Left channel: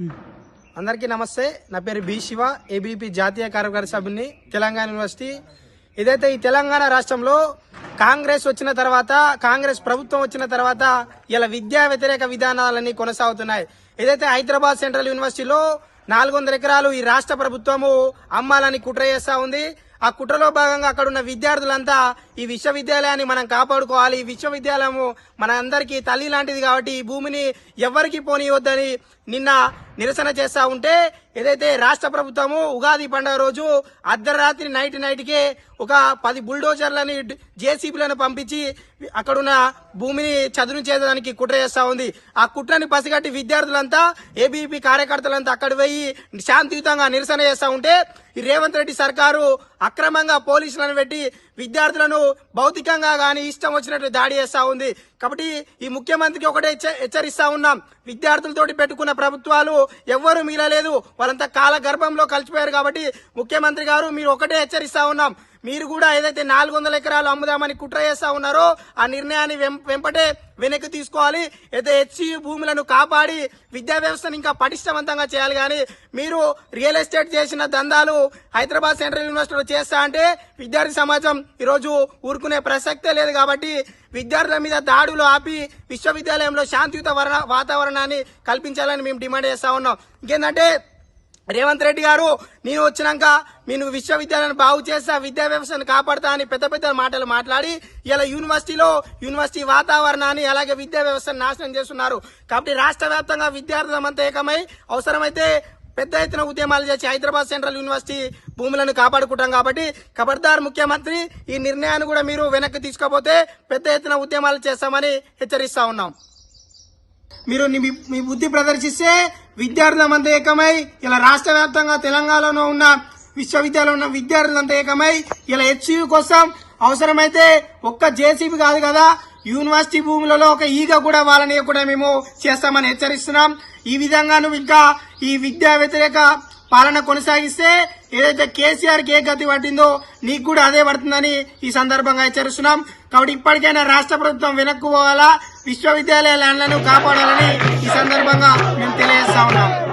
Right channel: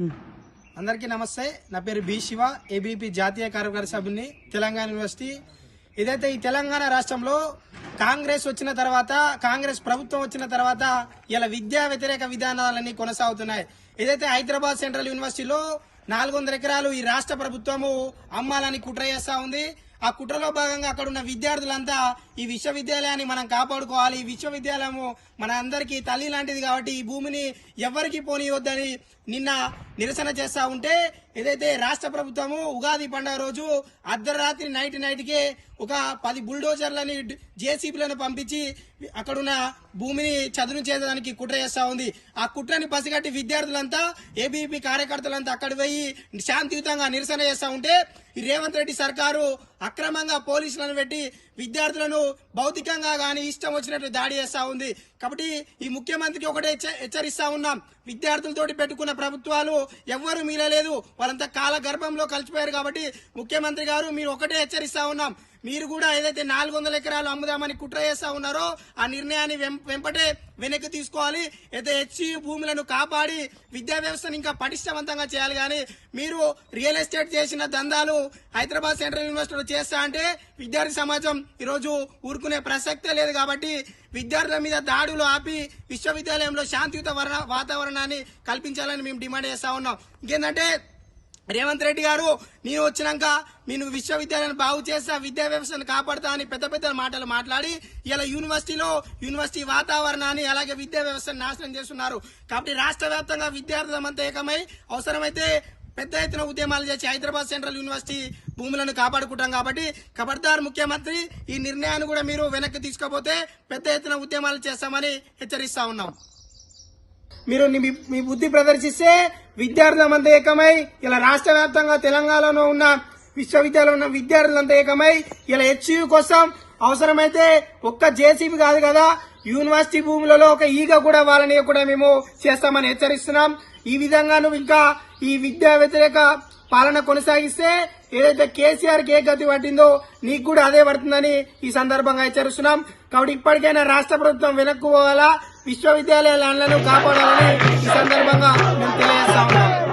అందరికీ నమస్తే. నా పేరు బి శివ ఏబీపీ జాతీయ కార్యకారి సభ్యుని తెలంగాణ యూనివర్సిటీ. ఇదైతే ఈ తెలంగాణ రాష్ట్రంలో కాంగ్రెస్ వచ్చిన తర్వాత కాంగ్రెస్ ప్రభుత్వం వచ్చిన తర్వాత ఇలా విద్యా వ్యతిరేక విధానాలన్నీ కొనసాగుతున్నాయి. ఏదైతే హైదరాబాద్ సెంట్రల్ యూనివర్సిటీలో నాలుగు వందల ఎకరాలు ఈ రాష్ట్ర ప్రభుత్వము అమ్మాలని కుట్ర చేస్తా ఉంది. ఆ కుట్రలో భాగంగా అక్కడ ఉన్న విద్యార్థులంతా ఈ విశ్వవిద్యాలయాన్ని మనం కాపాడుకోవాలి. ఈ విశ్వవిద్యాలయము మన అందరికీ తల్లి లాంటిది కాబట్టి ఈ భూమిని ఎవరికి పోనీయొద్దని నిన్న నిరసన చేస్తా ఉంటే ఏదైతే రాష్ట్ర ప్రభుత్వము ఉగాది పండుగ రోజు అర్ధరాత్రి నైట్ నైట్కే ఒక పది బుల్డోజర్లని జేసీబీలను పంపించి అక్కడున్న భూమిని చదును చేయడానికి కుట్ర చేస్తా ఉంది. ఆ కుట్రని పసిగట్టి విద్యార్థులంతా ఏబీపీ కార్యకర్తలంతా అక్కడ పోయి శాంతియుతంగా నిరసన చేస్తా ఉంటే రేవంత్ రెడ్డి సర్కారు అక్రమంగా పోలీసులను పెట్టి విద్యార్థులను భౌతికంగా కానీ ఇష్టం వచ్చినట్లు దాడి చేస్తా ఉంది. కాబట్టి ఈ ముఖ్యమంత్రికి ఒకటే హెచ్చ- హెచ్చరిస్తా ఉన్నాం. విద్యార్థులతోటి పెట్టుకున్న ప్రభుత్వాలు ఎవ్వరూ మీలలేదు వారంతా కాల గర్భంలో కలిసిపోయారు కాబట్టి ముఖ్యమంత్రి గారు మీరు ఒకటే హెచ్చరిస్తా ఉన్నాం. మీరు కూడా ఏదైతే నాలుగు వందల ఎకరాలు అమ్ముదామని కుట్ర చేస్తా ఉన్నారో ఆ నిర్ణయాన్ని వెం- వెంపటే వెనక్కి తీసుకోవాలి. అయితే హెచ్సి భూములను కాపాడి విద్యా వ్యవస్థను ఇంకా పటిష్టవంతంగా చేయాలి కానీ మీరు రియల్ ఎస్టేట్ చేసిన దందాలు హైదరాబాద్ సెంట్రల్ యూనివర్సిటీలో చేస్తా అంటే విద్యార్థి సమాజం ఈరోజు ఊరుకునే ప్రసక్తే లేదు కాబట్టి విద్యార్థుల మీద దాడులు ఆపి విశ్వవిద్యాలయంలో శాంతియుత వాతావరణాన్ని కల్పించాలని మేము డిమాండ్ చేస్తా ఉన్నాం. ఇంకేంటంటే రేవంత్ రెడ్డి గారు నేను వచ్చినాక నేను విశ్వవిద్యాలయాన్ని బాగు చేస్తా విద్యా వ్యవస్థను కాపాడుతా అని పెద్ద పెద్ద మాటలు మాట్లాడి ఇలా యూనివర్సిటీలో యూనివర్సిటీ వాతావరణాన్ని అలాగే విద్యా వ్యవస్థను నాశనం చేస్తున్నారు. కాబట్టి రాష్ట్ర వ్యాప్తంగా విద్యార్థులమంతా ఏకమై అవసరమైతే పెద్ద ఎత్తున ఉద్యమాలు చేసి హైదరాబాద్ సెంట్రల్ యూనివర్సిటీ భూములను కాపాడుకుంటాం కాబట్టి ఖబర్దార్ ముఖ్యమంత్రి ఈ నిర్ణయాన్ని కూడా మీరు వెనక్కి తీసుకోపోతే పెద్ద ఎత్తున ఉద్యమాలు చేస్తామని హెచ్చరిస్తా ఉన్నాం. మీరు మీ బుద్ధి ప్రదర్శిస్తే విద్యార్థులంతా ఏకమై ఇలా రాష్ట్ర వ్యాప్తంగా తెలంగాణలో ఉన్న విశ్వవిద్యాలయంలో ఉన్న విద్యార్థులంతా ఏకమై ఇలా హెచ్యూ కోసం అవసరమైతే ఒక్క జేసీబీ కాదు కదా యూనివర్సిటీ భూములలో ఒక ఈగ కూడా వాళ్ళని కూడా మేము చేస్తామని హెచ్చరిస్తున్నాం. ఈ విధంగా నువ్వు ఇంకా ఈ విద్యా వ్యతిరేక పాలన కొనసాగిస్తే ఏదైతే కేసీఆర్కి ఏ గతి పట్టిందో నీకు కూడా అదే పడుతుందని ఈ సందర్భంగా హెచ్చరిస్తున్నాం. కాబట్టి ఇప్పటికైనా రాష్ట్ర ప్రభుత్వం వెనక్కు పోవాలా? విశ్వవిద్యాలయ ల్యాండ్లను కాపాడాలని ఈ సందర్భంగా మేము తెలియజేస్తా ఉన్నాం.